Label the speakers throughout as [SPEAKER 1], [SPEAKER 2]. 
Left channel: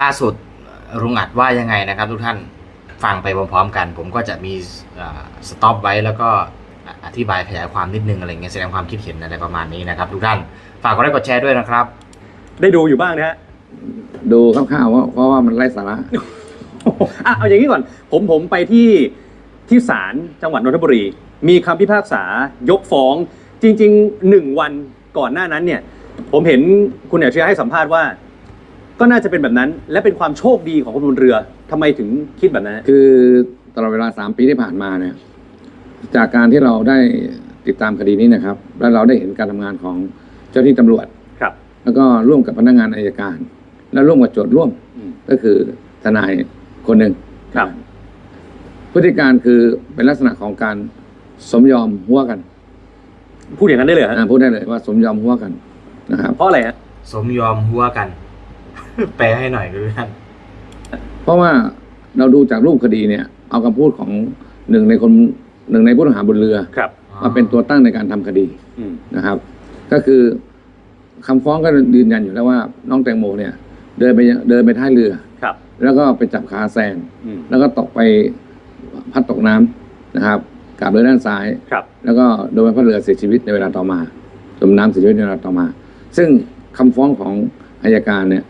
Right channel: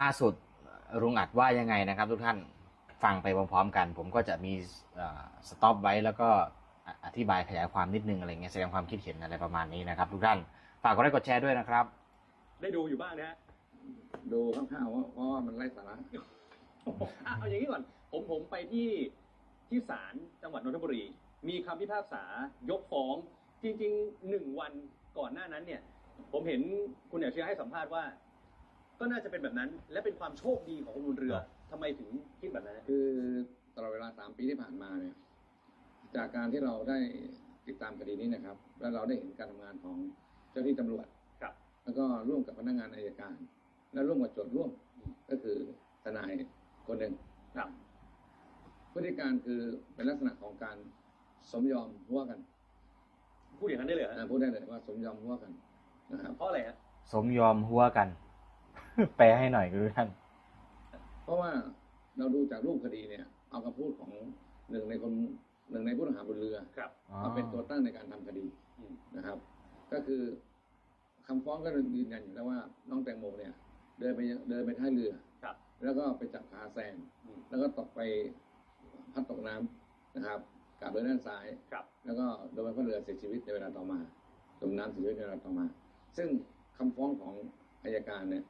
[SPEAKER 1] ล่าสุดรุงอัดว่ายังไงนะครับทุกท่านฟังไปพร้อมๆกัน ผมก็จะมีสต็อปไว้แล้วก็อธิบายขยายความนิดนึงอะไรเงี้ยแสดงความคิดเห็นอะไรประมาณนี้นะครับ ทุกท่านฝากกดไลค์กดแชร์ด้วยนะครับ
[SPEAKER 2] ได้ดูอยู่บ้างนะฮะ
[SPEAKER 3] ดูคร่าวๆว่าเพราะว่ามันไร้สาระ
[SPEAKER 2] อะเอาอย่างนี้ก่อน ผมผมไปที่ที่ศาลจังหวัดนนทบุรี มีคำพิพากษายกฟ้องจริงๆหนึ่งวันก่อนหน้านั้นเนี่ย ผมเห็นคุณอัจฉริยะให้สัมภาษณ์ว่า ก็น่าจะเป็นแบบนั้น และเป็นความโชคดีของคนบนเรือทำไมถึงคิดแบบนั้นฮะ
[SPEAKER 3] คือตลอดเวลาสามปีที่ผ่านมาเนี่ยจากการที่เราได้ติดตามคดีนี้นะครับ และเราได้เห็นการทำงานของเจ้าหน้าที่ตำรวจ
[SPEAKER 2] ครับ
[SPEAKER 3] แล้วก็ร่วมกับพนักงานอายการ และร่วมกับโจทย์ร่วม
[SPEAKER 2] อืม
[SPEAKER 3] ก็คือทนายคนหนึ่ง
[SPEAKER 2] ครับ
[SPEAKER 3] พฤติการคือเป็นลักษณะของการสมยอมหัวกัน
[SPEAKER 2] พูดอย่างนั้นได้เลยเหรอฮะ
[SPEAKER 3] อ่าพูดได้เลยว่าสมยอมหัวกันนะครับ
[SPEAKER 2] เพราะอะไรฮะ
[SPEAKER 1] สมยอมหัวกัน แปลให้หน่อยทุกท่าน
[SPEAKER 3] เพราะว่าเราดูจากรูปคดีเนี่ย เอาคำพูดของหนึ่งในคนหนึ่งในผู้ต้องหาบนเรือ
[SPEAKER 2] ครับ
[SPEAKER 3] มาเป็นตัวตั้งในการทำคดี
[SPEAKER 2] อืม
[SPEAKER 3] นะครับ ก็คือคำฟ้องก็ยืนยันอยู่แล้วว่า น้องแตงโมเนี่ย เดินไปเดินไปท้ายเรือ
[SPEAKER 2] ครับ
[SPEAKER 3] แล้วก็ไปจับขาแซน
[SPEAKER 2] อืม
[SPEAKER 3] แล้วก็ตกไปพัดตกน้ำนะครับกลับเรือด้านซ้าย
[SPEAKER 2] ครับ
[SPEAKER 3] แล้วก็โดนใบพัดเรือเสียชีวิตในเวลาต่อมาจมน้ำเสียชีวิตในเวลาต่อมา ซึ่งคำฟ้องของอายการเนี่ย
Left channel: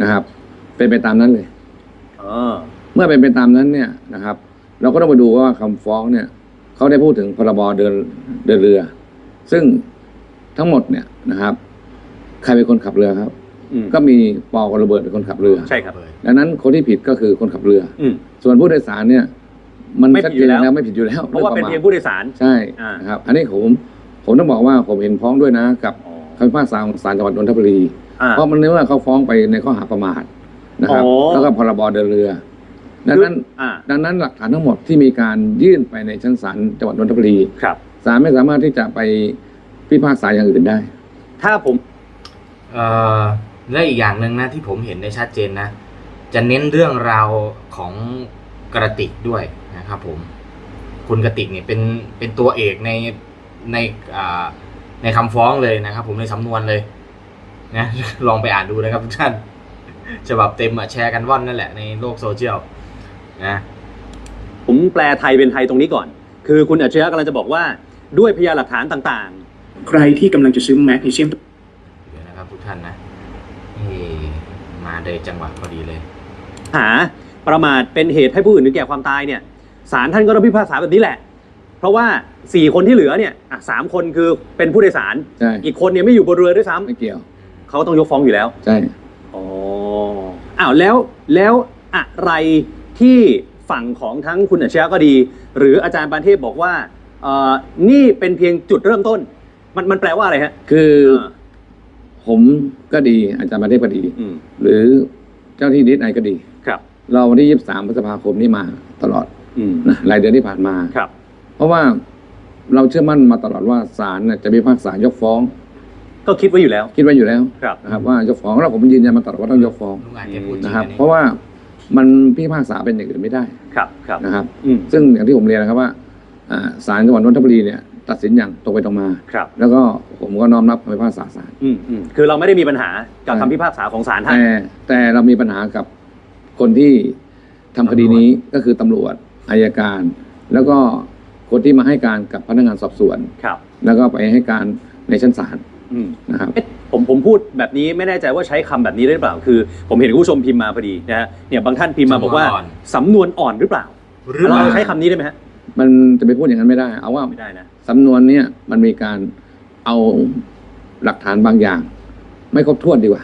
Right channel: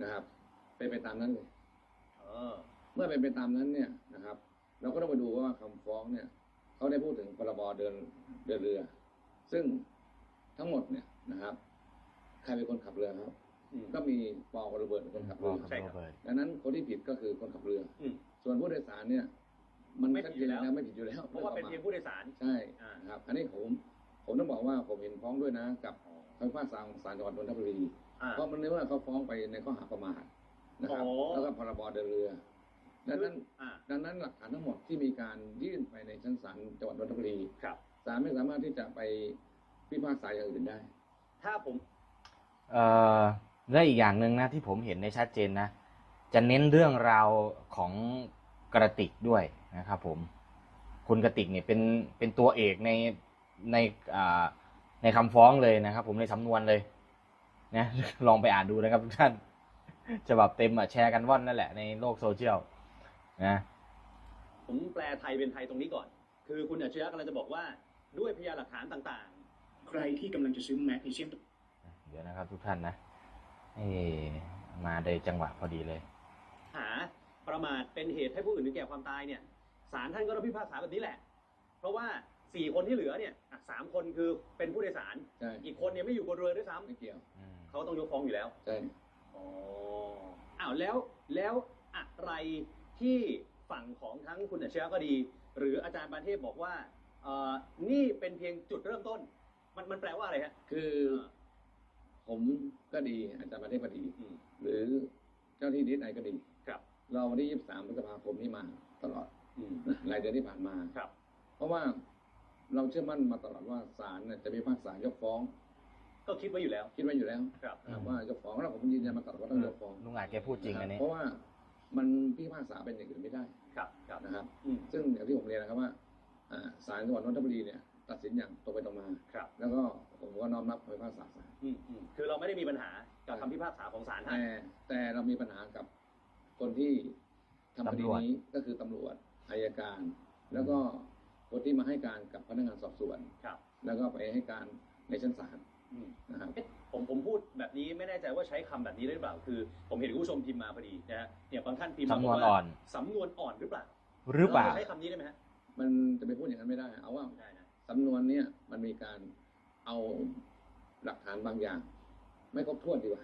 [SPEAKER 3] นะครับ เป็นไปตามนั้นเลย
[SPEAKER 2] อ๋อ
[SPEAKER 3] เมื่อเป็นไปตามนั้นเนี่ยนะครับ เราก็ต้องมาดูว่าคำฟ้องเนี่ยเขาได้พูดถึงพรบเดินเดินเรือ ซึ่งทั้งหมดเนี่ยนะครับ ใครเป็นคนขับเรือครับ
[SPEAKER 2] อืม
[SPEAKER 3] ก็มีปอกับโรเบิร์ตเป็นคนขับเรือ
[SPEAKER 2] ใช่ครับ
[SPEAKER 3] ดังนั้นคนที่ผิดก็คือคนขับเรือ
[SPEAKER 2] อืม
[SPEAKER 3] ส่วนผู้โดยสารเนี่ย มัน
[SPEAKER 2] ไม่ผิ
[SPEAKER 3] ชั
[SPEAKER 2] ด
[SPEAKER 3] ด
[SPEAKER 2] อยู่
[SPEAKER 3] เจน
[SPEAKER 2] แล้ว
[SPEAKER 3] แล้วไม่ผิดอยู่แล้ว
[SPEAKER 2] เพราะว่าเป็น
[SPEAKER 3] ด้
[SPEAKER 2] เพียง
[SPEAKER 3] ปม
[SPEAKER 2] ผู้โดยสาร
[SPEAKER 3] ใช่
[SPEAKER 2] อ่า
[SPEAKER 3] นะครับ อันนี้ผมผมต้องบอกว่าผมเห็นพ้องด้วยนะ กับ
[SPEAKER 2] อ๋อ
[SPEAKER 3] คำพิพากษาของศาลจังหวัดนนทบุรี
[SPEAKER 2] อ่า
[SPEAKER 3] เพราะมันเนื่องว่าเขาฟ้องไปในข้อหาประมาทนะครับ
[SPEAKER 2] อ๋อ
[SPEAKER 3] แล้วก็พรบเดินเรือ ดังนั้น
[SPEAKER 2] อ่า
[SPEAKER 3] ดังนั้นหลักฐานทั้งหมดที่มีการยื่นไปในชั้นศาลจังหวัดนนทบุรี
[SPEAKER 2] ครับ
[SPEAKER 3] ศาลไม่สามารถที่จะไปพิพากษาอย่างอื่นได้
[SPEAKER 2] ถ้าผม
[SPEAKER 1] เอ่อและอีกอย่างหนึ่งนะที่ผมเห็นได้ชัดเจนนะ จะเน้นเรื่องราวของกระติกด้วยนะครับผมคุณกระติกเนี่ยเป็นเป็นตัวเอกในในอ่าในคำฟ้องเลยนะครับ ผมในสำนวนเลย นะลองไปอ่านดูนะครับทุกท่านฉบับเต็มอะแชร์กันว่อนนั่นแหละในโลกโซเชียลนะ
[SPEAKER 2] ผมแปลไทยเป็นไทยตรงนี้ก่อน คือคุณอัจฉริยะกำลังจะบอกว่าด้วยพยานหลักฐานต่าง
[SPEAKER 4] ใครที่กำลังจะซื้อแมกนีเซียม
[SPEAKER 1] เดี๋ยวนะครับทุกท่านนะนี่มาได้จังหวะพอดีเลย
[SPEAKER 2] ๆหาประมาทเป็นเหตุให้ผู้อื่นถึงแก่ความตายเนี่ยศาลท่านก็ต้องพิพากษาแบบนี้แหละ เพราะว่า 4 คนที่เหลือเนี่ยอะสามคนคือเป็นผู้โดยสาร
[SPEAKER 3] ใช่
[SPEAKER 2] อีกคนเนี่ยไม่อยู่บนเรือด้วยซ้ำ
[SPEAKER 3] ไม่เกี่ยว
[SPEAKER 2] เขาต้องยกฟ้องอยู่แล้ว
[SPEAKER 3] ใช่
[SPEAKER 2] อ๋อ อ้าวแล้วแล้วอะไรที่ฝั่งของทั้งคุณอัจฉริยะก็ดี หรืออาจารย์ปานเทพบอกว่าเอ่อนี่เป็นเพียงจุดเริ่มต้น มันมันแปลว่าอะไรฮะ
[SPEAKER 3] คือ
[SPEAKER 2] อ่า
[SPEAKER 3] ผมก็ดีอาจารย์ประเทศก็ดี
[SPEAKER 2] อืม
[SPEAKER 3] หรือเจ้าที่ดิสไอก็ดี
[SPEAKER 2] ครับ
[SPEAKER 3] เราวันที่ 23พฤษภาคมนี้มาตลอด
[SPEAKER 2] อืม
[SPEAKER 3] นะรายเดือนที่ผ่านมา
[SPEAKER 2] ครับ
[SPEAKER 3] เพราะว่าเราเชื่อมั่นมาตลอดว่าศาลน่ะจะพิพากษายกฟ้อง
[SPEAKER 2] ก็คิดไว้อยู่แล้ว
[SPEAKER 3] คิดไว้อยู่แล้ว
[SPEAKER 2] ครับ
[SPEAKER 3] นะครับว่ายกฟ้องแล้วผมยืนยันมาตลอดว่าต้องยกฟ้อง
[SPEAKER 1] ลุงอาจจะพูดจริง
[SPEAKER 3] นะครับ
[SPEAKER 1] อันนี้
[SPEAKER 3] เพราะว่ามันพิพากษาเป็นอย่างอื่นไม่ได้
[SPEAKER 2] ครับครับ
[SPEAKER 3] นะครับ
[SPEAKER 2] อืม
[SPEAKER 3] ซึ่งอย่างที่ผมเรียนนะครับว่าอ่าศาลจังหวัดนนทบุรีเนี่ยตัดสินอย่างตรงไปตรงมา
[SPEAKER 2] ครับ
[SPEAKER 3] แล้วก็ผมก็น้อมรับคำพิพากษาศาล
[SPEAKER 2] อืมอืมคือเราไม่ได้มีปัญหากับ
[SPEAKER 3] ใช่
[SPEAKER 2] คำพิพากษาของศาลท่าน
[SPEAKER 3] แต่แต่เรามีปัญหากับคนที่ทำคดีนี้ก็คือตำรวจอายการ แล้วก็คนที่มาให้การกับพนักงานสอบสวน
[SPEAKER 2] ครับ
[SPEAKER 3] แล้วก็ไปให้การในชั้นศาล
[SPEAKER 2] อืม
[SPEAKER 3] นะครับ
[SPEAKER 2] เอ๊ะผมผมพูดแบบนี้ไม่แน่ใจว่าใช้คำแบบนี้ได้หรือเปล่า คือ ผมเห็นคุณผู้ชมพิมพ์มาพอดีนะฮะเนี่ยบางท่านพิมพ์มาบอกว่าสำนวนอ่อนหรือเปล่า
[SPEAKER 1] หรือว่า
[SPEAKER 2] เราใช้คำนี้ได้ไหมฮะ
[SPEAKER 3] มันจะไปพูดอย่างนั้นไม่ได้ เอาว่า
[SPEAKER 2] ไม่ได้นะ
[SPEAKER 3] สำนวนเนี่ยมันมีการเอาหลักฐานบางอย่าง ไม่ครบถ้วนดีกว่า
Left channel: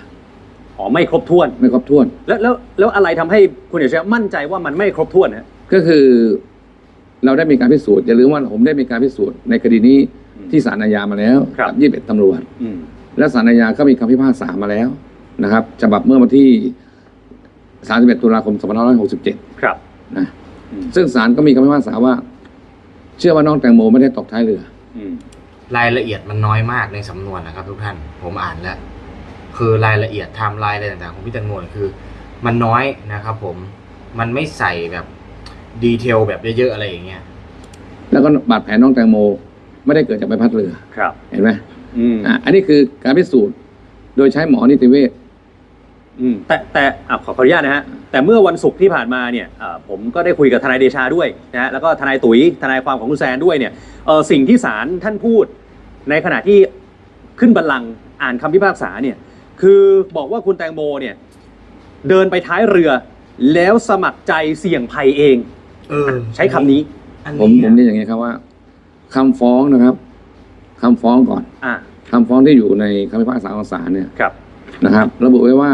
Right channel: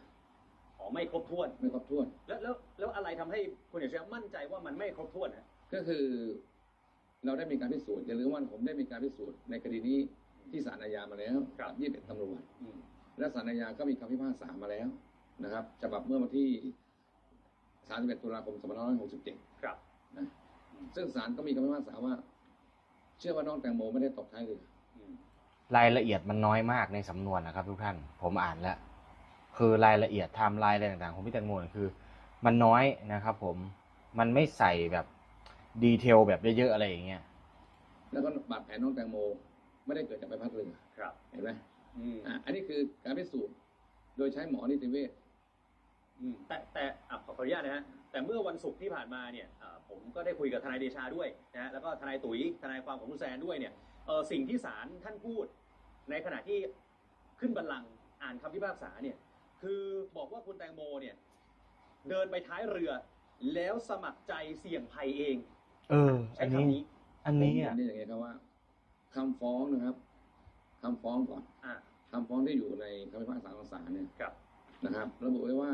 [SPEAKER 2] อ๋อไม่ครบถ้วน
[SPEAKER 3] ไม่ครบถ้วน
[SPEAKER 2] แล้วแล้วแล้วอะไรทำให้คุณเอกชัยมั่นใจว่ามันไม่ครบถ้วนฮะ
[SPEAKER 3] ก็คือเราได้มีการพิสูจน์อย่าลืมว่าผมได้มีการพิสูจน์ในคดีนี้
[SPEAKER 2] อืม
[SPEAKER 3] ที่ศาลอาญามาแล้ว
[SPEAKER 2] ครับ
[SPEAKER 3] กับยี่สิบเอ็ดตำรวจ
[SPEAKER 2] อืม
[SPEAKER 3] และศาลอาญาก็มีคำพิพากษามาแล้วนะครับฉบับเมื่อวันที่31ตุลาคม2567
[SPEAKER 2] ครับ
[SPEAKER 3] นะ
[SPEAKER 2] อืม
[SPEAKER 3] ซึ่งศาลก็มีคำพิพากษาว่า เชื่อว่าน้องแตงโมไม่ได้ตกท้ายเรือ
[SPEAKER 2] อืม
[SPEAKER 1] รายละเอียดมันน้อยมากในสำนวนนะครับ ทุกท่านผมอ่านแล้วคือรายละเอียดไทม์ไลน์อะไรต่างๆของพี่แตังโมเนี่ยคือ มันน้อยนะครับ ผมมันไม่ใส่แบบดีเทลแบบเยอะๆอะไรอย่างเงี้ย
[SPEAKER 3] แล้วก็บาดแผลน้องแตงโม ไม่ได้เกิดจากใบพัดเรือ
[SPEAKER 2] ครับ
[SPEAKER 3] เห็นไหม
[SPEAKER 2] อืม
[SPEAKER 3] อะอันนี้คือการพิสูจน์โดยใช้หมอนิติเวช
[SPEAKER 2] อืมแต่แต่อะขอขออนุญาตนะฮะแต่เมื่อวันศุกร์ที่ผ่านมาเนี่ยอ่าผมก็ได้คุยกับทนายเดชาด้วยนะฮะแล้วก็ทนายตุ๋ยทนายความของคุณแซนด้วยเนี่ยเออสิ่งที่ศาลท่านพูด ในขณะที่ขึ้นบัลลังก์อ่านคำพิพากษาเนี่ยคือบอกว่าคุณแตงโมเนี่ยเดินไปท้ายเรือ แล้วสมัครใจเสี่ยงภัยเอง
[SPEAKER 1] เออ
[SPEAKER 2] ใช้คำนี้
[SPEAKER 1] อัน
[SPEAKER 3] ผม
[SPEAKER 1] นี้
[SPEAKER 3] ผมเรียนอย่างนี้ครับว่า คำฟ้องนะครับคำฟ้องก่อน
[SPEAKER 2] อ่า
[SPEAKER 3] คำฟ้องที่อยู่ในคำพิพากษาของศาลเนี่ย
[SPEAKER 2] ครับ
[SPEAKER 3] นะครับ ระบุไว้ว่า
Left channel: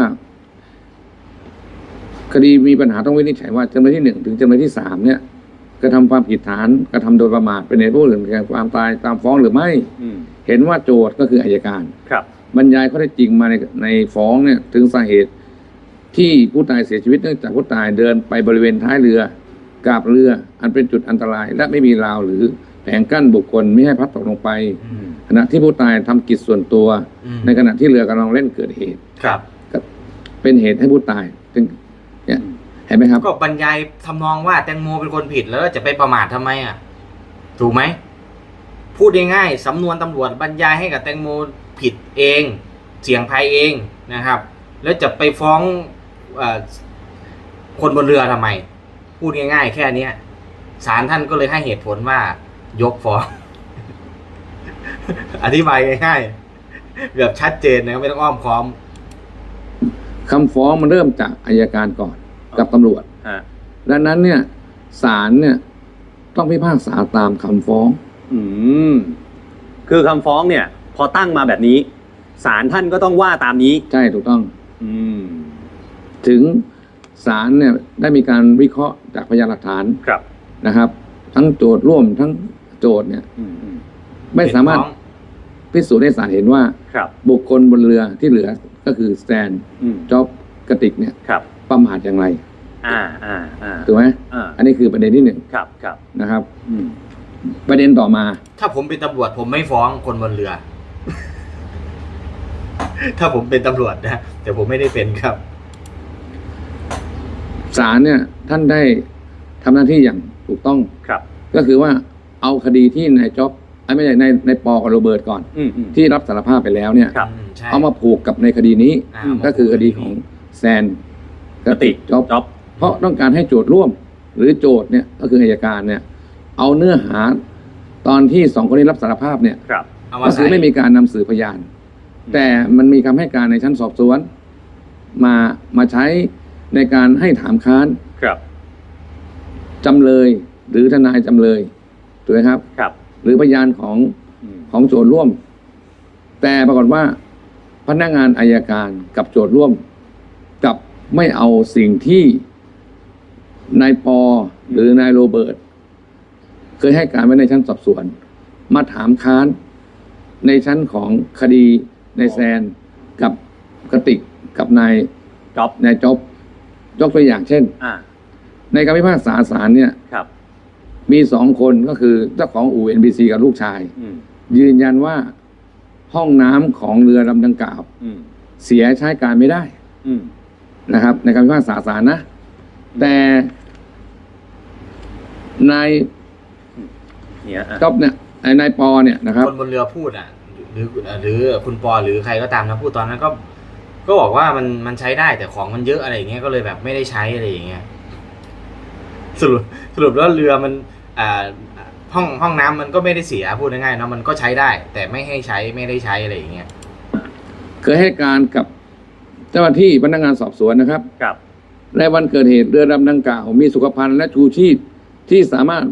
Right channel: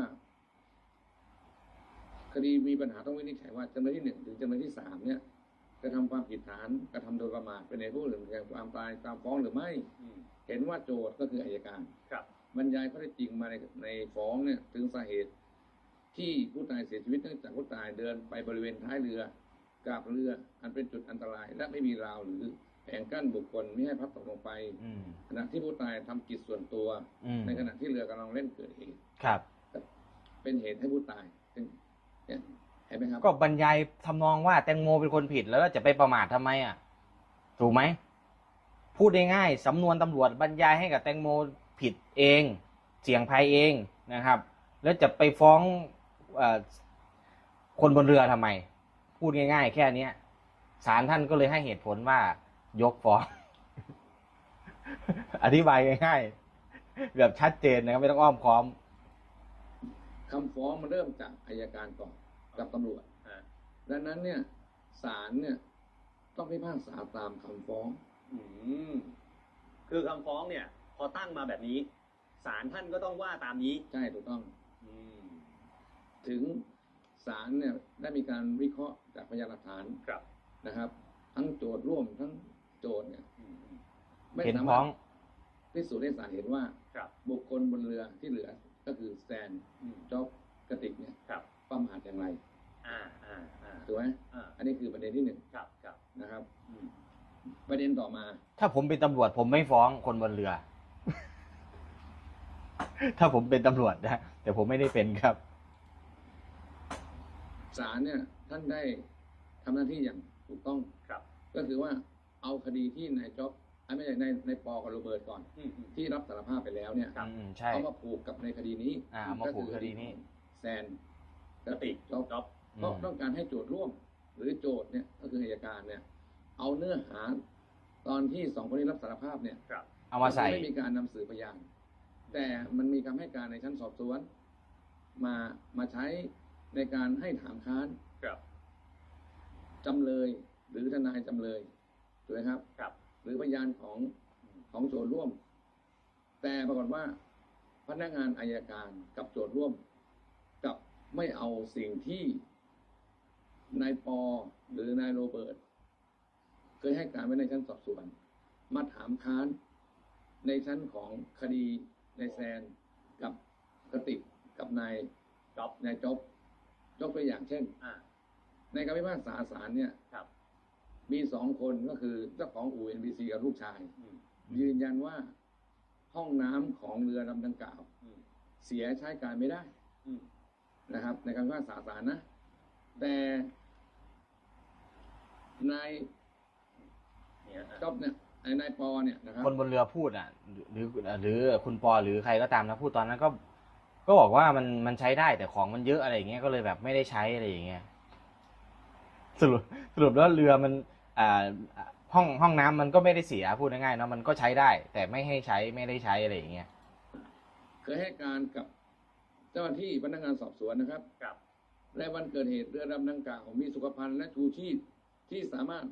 [SPEAKER 3] คดีมีปัญหาต้องวินิจฉัยว่าจำเลยที่หนึ่งถึงจำเลยที่สามเนี่ยกระทำความผิดฐานกระทำโดยประมาทเป็นเหตุผู้อื่นแก่ความตายตามฟ้องหรือไม่
[SPEAKER 2] อืม
[SPEAKER 3] เห็นว่าโจทย์ก็คืออายการ
[SPEAKER 2] ครับ
[SPEAKER 3] บรรยายข้อเท็จจริงมาในในฟ้องเนี่ยถึงสาเหตุที่ผู้ตายเสียชีวิตเนื่องจากผู้ตายเดินไปบริเวณท้ายเรือกาบเรือ อันเป็นจุดอันตราย และไม่มีราวหรือ แผงกั้นบุคคลไม่ให้พลัดตกลงไป
[SPEAKER 1] อืม
[SPEAKER 3] ขณะที่ผู้ตายทำกิจส่วนตัว
[SPEAKER 1] อืม
[SPEAKER 3] ในขณะที่เรือกำลังเล่นเกิดเหตุ
[SPEAKER 1] ครับ
[SPEAKER 3] ก็เป็นเหตุให้ผู้ตายจึงเนี่ยเห็นไหมครับ
[SPEAKER 1] ก็บรรยายทำนองว่าแตงโมเป็นคนผิดแล้วจะไปประมาททำไมอะ ถูกไหมพูดง่ายๆสำนวนตำรวจบรรยายให้กับแตงโมผิดเอง เสี่ยงภัยเองนะครับ แล้วจะไปฟ้องเออคนบนเรือทำไม พูดง่ายๆ แค่เนี้ยศาลท่านก็เลยให้เหตุผลว่า ยกฟ้อง อธิบายง่ายๆแบบชัดเจนนะครับไม่ต้องอ้อมค้อม
[SPEAKER 3] คำฟ้องมันเริ่มจากอายการก่อนกับตำรวจ
[SPEAKER 2] ฮะ
[SPEAKER 3] ดังนั้นเนี่ยศาลเนี่ยต้องพิพากษาตามคำฟ้อง
[SPEAKER 2] อืมคือคำฟ้องเนี่ย พอตั้งมาแบบนี้ศาลท่านก็ต้องว่าตามนี้
[SPEAKER 3] ใช่ถูกต้อง
[SPEAKER 2] อืม
[SPEAKER 3] ถึงศาลเนี่ยได้มีการวิเคราะห์จากพยานหลักฐาน
[SPEAKER 2] ครับ
[SPEAKER 3] นะครับ ทั้งโจทย์ร่วมทั้ง โจทย์เนี่ย
[SPEAKER 2] อืมอืม
[SPEAKER 3] ไม่สามารถ
[SPEAKER 1] เห็นฟ้อง
[SPEAKER 3] พิสูจน์ให้ศาลเห็นว่า
[SPEAKER 2] ครับ
[SPEAKER 3] บุคคลบนเรือที่เหลือก็คือสแตน
[SPEAKER 2] อืม
[SPEAKER 3] จ็อบกระติกเนี่ย
[SPEAKER 2] ครับ
[SPEAKER 3] ประมาทอย่างไร
[SPEAKER 2] อ่าอ่าอ่า
[SPEAKER 3] ถูกไหม
[SPEAKER 2] อ่า
[SPEAKER 3] อันนี้คือประเด็นที่หนึ่ง
[SPEAKER 2] ครับครับ
[SPEAKER 3] นะครับ
[SPEAKER 2] อืม
[SPEAKER 3] ประเด็นต่อมา
[SPEAKER 1] ถ้าผมเป็นตำรวจผมไม่ฟ้องคนบนเรือ ถ้าผมเป็นตำรวจนะแต่ผมไม่ได้เป็นครับ
[SPEAKER 3] ศาลเนี่ยท่านได้ทำหน้าที่อย่างถูกต้อง
[SPEAKER 2] ครับ
[SPEAKER 3] ก็คือว่า เอาคดีที่นายจ็อบไอ้ไม่ใช่ในในปอกับโรเบิร์ตก่อน
[SPEAKER 2] อืมอืม
[SPEAKER 3] ที่รับสารภาพไปแล้วเนี่ย
[SPEAKER 2] ครับ
[SPEAKER 1] อืมใช่
[SPEAKER 3] เอามาผูกกับในคดีนี้
[SPEAKER 1] อ่า
[SPEAKER 3] ก็คือคดีของแซนกระติกจ็อบ
[SPEAKER 2] จ็อบ
[SPEAKER 3] เพราะต้องการให้โจทย์ร่วมหรือโจทย์เนี่ยก็คืออัยการเนี่ยเอาเนื้อหาตอนที่สองคนนี้รับสารภาพเนี่ย
[SPEAKER 2] ครับ
[SPEAKER 1] เอามา
[SPEAKER 3] ก็คื
[SPEAKER 1] ใส่
[SPEAKER 3] อไม่มีการนำสืบพยาน แต่มันมีคำให้การในชั้นสอบสวน มามาใช้ในการให้ถามค้าน
[SPEAKER 2] ครับ
[SPEAKER 3] จำเลยหรือทนายจำเลย ถูกไหมครับ
[SPEAKER 2] ครับ
[SPEAKER 3] หรือพยานของ
[SPEAKER 2] อืม
[SPEAKER 3] ของโจทย์ร่วม แต่ปรากฏว่าพนักงานอายการกับโจทย์ร่วมกลับไม่เอาสิ่งที่นายปอหรือนายโรเบิร์ตเคยให้การไว้ในชั้นสอบสวน มาถามค้านในชั้นของคดีในายแซนกับกระติกกับนาย
[SPEAKER 2] จ็อบ
[SPEAKER 3] นายจ๊อบยกตัวอย่างเช่น
[SPEAKER 2] อ่า
[SPEAKER 3] ในการพิพากษาศาลเนี่ย
[SPEAKER 2] ครับ
[SPEAKER 3] มีสองคนก็คือเจ้าของอู่ NBC กับลูกชาย
[SPEAKER 2] อืม
[SPEAKER 3] ยืนยันว่าห้องน้ำของเรือลำดังกล่าว
[SPEAKER 2] อืม
[SPEAKER 3] เสียใช้การไม่ได้
[SPEAKER 2] อืม
[SPEAKER 3] นะครับ ในการพิพากษาศาลนะ แต่นาย
[SPEAKER 2] เนี่ยอะ
[SPEAKER 3] จ๊อบเนี่ยไอ้นายปอเนี่ยนะครับ
[SPEAKER 1] คนบนเรือพูดอะหรือหรือคุณปอหรือใครก็ตามนะพูดตอนนั้นก็ ก็บอกว่ามันมันใช้ได้แต่ของมันเยอะอะไรอย่างเงี้ยก็เลยแบบไม่ได้ใช้อะไรอย่างเงี้ย สรุปสรุปแล้วเรือมันอ่าห้องห้องน้ำมันก็ไม่ได้เสียพูดง่ายๆเนอะมันก็ใช้ได้ แต่ไม่ให้ใช้ไม่ได้ใช้อะไรอย่างเงี้ย
[SPEAKER 3] เคยให้การกับเจ้าหน้าที่พนักงานสอบสวนนะครับ
[SPEAKER 2] ครับ
[SPEAKER 3] ในวันเกิดเหตุเรือลำดังกล่าวมีสุขภัณฑ์และชูชีพที่สามารถ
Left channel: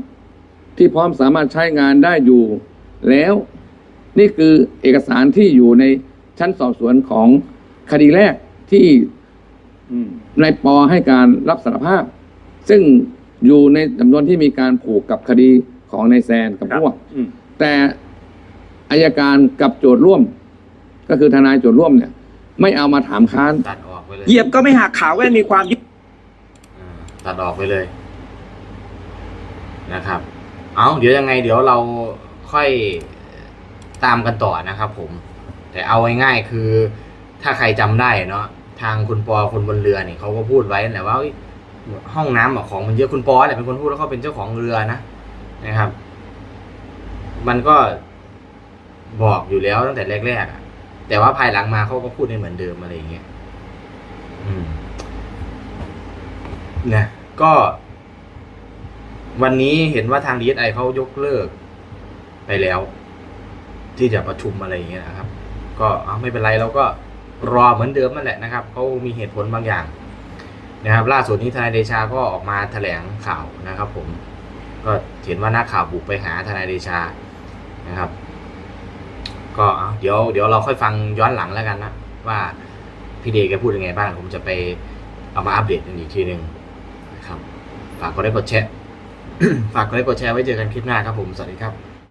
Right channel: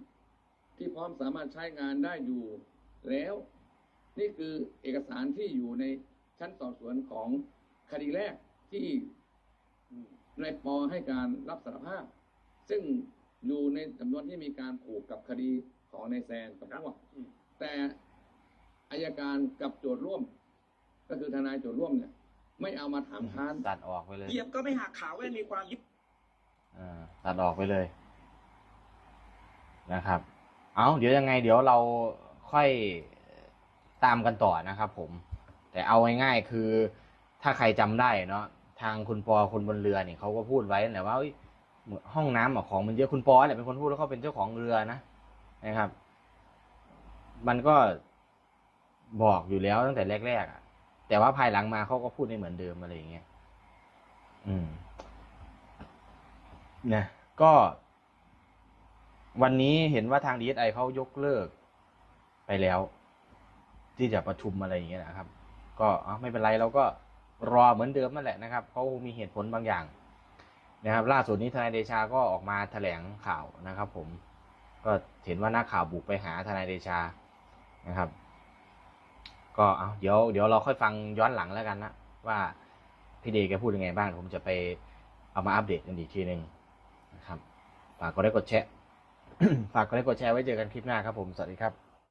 [SPEAKER 3] ที่พร้อมสามารถใช้งานได้อยู่ แล้วนี่คือเอกสารที่อยู่ในชั้นสอบสวนของคดีแรกที่
[SPEAKER 2] อืม
[SPEAKER 3] นายปอให้การรับสารภาพ ซึ่ง อยู่ในจำนวนที่มีการผูกกับคดีของนายแซนกับ
[SPEAKER 2] ครับ
[SPEAKER 3] พวก
[SPEAKER 2] อืม
[SPEAKER 3] แต่อายการกับโจทย์ร่วม ก็คือทนายโจทย์ร่วมเนี่ย ไม่เอามาถามค้าน
[SPEAKER 1] ตัดออกไปเลย
[SPEAKER 4] เหยียบก็ไม่หักขาแว่นมีความยึด
[SPEAKER 1] อ่าตัดออกไปเลยนะครับ เอาเดี๋ยวยังไง เดี๋ยวเราค่อยตามกันต่อนะครับผม แต่เอาง่ายๆคือ ถ้าใครจำได้เนาะทางคุณปอคนบนเรือเนี่ยเขาก็พูดไว้แหละว่าเอ้ย ห้องน้ำของมันเยอะคุณปอแหละเป็นคนพูดแล้วก็เป็นเจ้าของเรือนะนะครับ มันก็บอกอยู่แล้วตั้งแต่แรกๆอะแต่ว่าภายหลังมาเขาก็พูดได้เหมือนเดิมอะไรอย่างเงี้ยนะก็ วันนี้เห็นว่าทางดีเอไอเขายกเลิก ไปแล้ว ที่จะประชุมอะไรอย่างเงี้ยนะครับ ก็ไม่เป็นไรเราก็รอเหมือนเดิมนั่นแหละนะครับเขามีเหตุผลบางอย่าง นะครับล่าสุดนี้ทนายเดชาก็ออกมาแถลงข่าวนะครับ ผมก็เห็นว่านักข่าวบุกไปหาทนายเดชานะครับ ก็เดี๋ยวเดี๋ยวเราค่อยฟังย้อนหลังแล้วกันนะว่าพี่เดย์แกพูดยังไงบ้างผมจะไปเอามาอัปเดตกันอีกทีหนึ่งนะครับ ฝากกดไลค์กดแชร์ฝากกดไลค์กดแชร์ไว้เจอกันคลิปหน้าครับผม สวัสดีครับ